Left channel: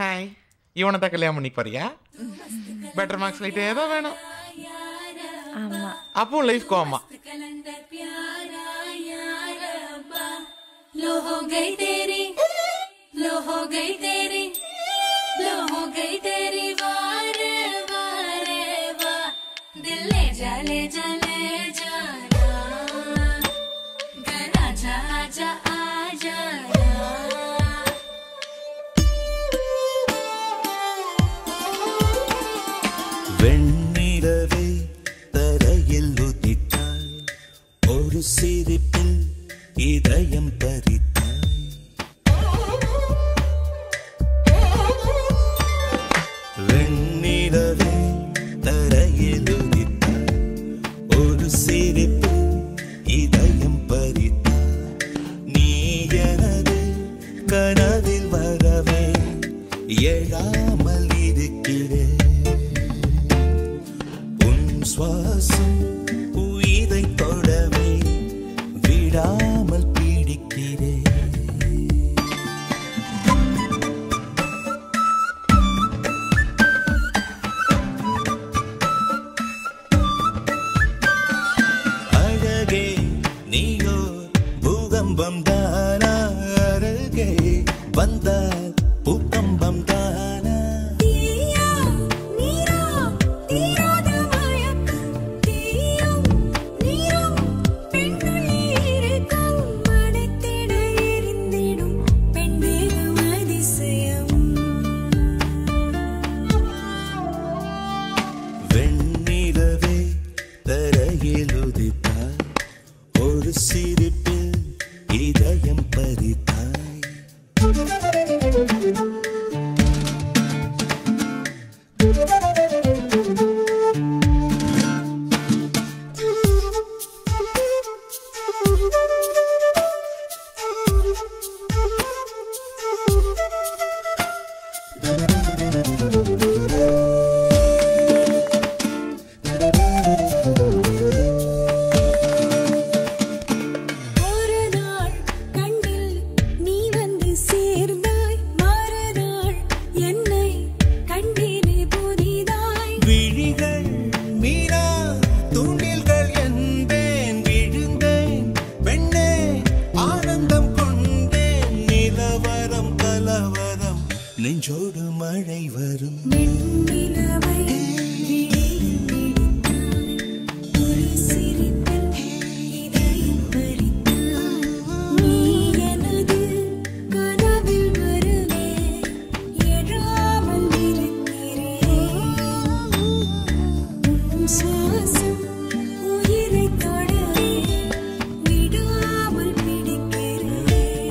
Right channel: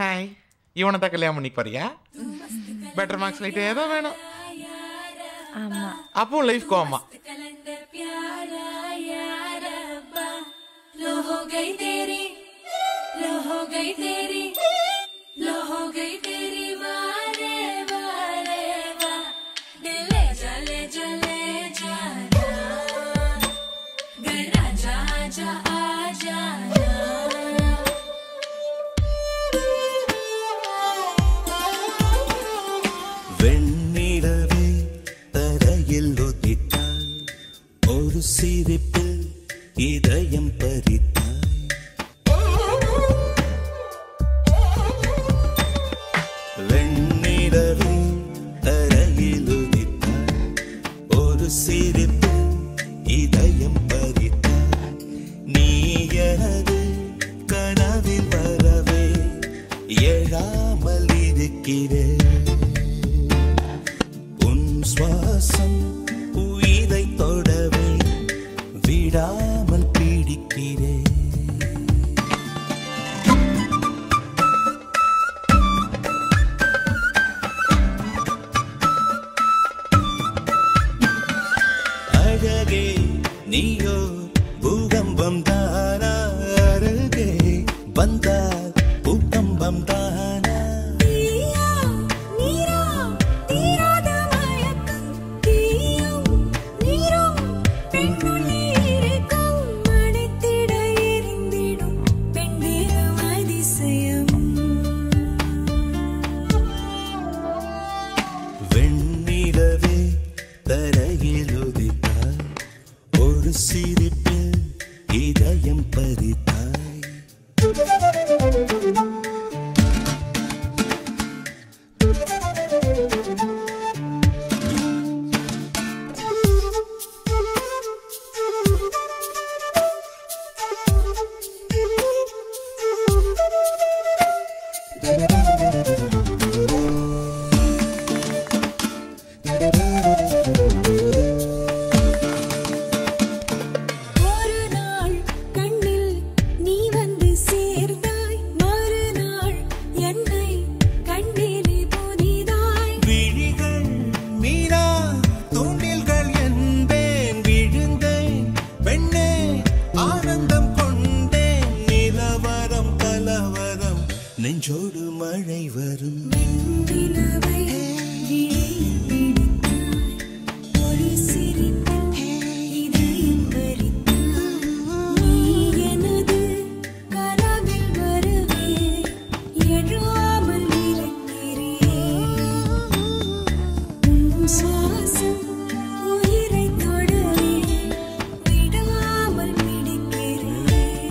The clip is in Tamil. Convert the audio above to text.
ஹாய், இவனை தான் கல்யாணம் பண்ணி போறியா? பெட்டர் மார்க்ஸ் லைட் ஏதோ வேணும். ஆமா, அப்போ லைஃப் கோமா. வெண்ணிலவே தரையில் உதித்தாய், ஒரு சிரிப்பில் இதயம் பறித்தாய். வெண்ணிலவே தரையில் உதித்தாய், ஒரு சிரிப்பில் இதயம் பறித்தாய். நீ எனது கனவில் வரவே எழாமல் இருக்கிறேன். சுவாசம் உயிரை தொடவே விடாமல் பீடிக்கிறேன். அழகே நீயோர் பூகம்பம் தானா, அருகே வந்தால் பூகம்பம் தானா. வெண்ணிலவே தரையில் உதித்தாய், ஒரு சிரிப்பில் இதயம் பறித்தாய். விழிகள் மீனா தூண்டில்கள் என்பேன், விழுந்தேன் பெண்ணே ஆனந்தம் கொண்டேன். நிலவரம் கலவரம் நெஞ்சோடு மழை வரும். சுவாசம் உயிரை தொடவே விடாமல் பிடிக்கிறேன்.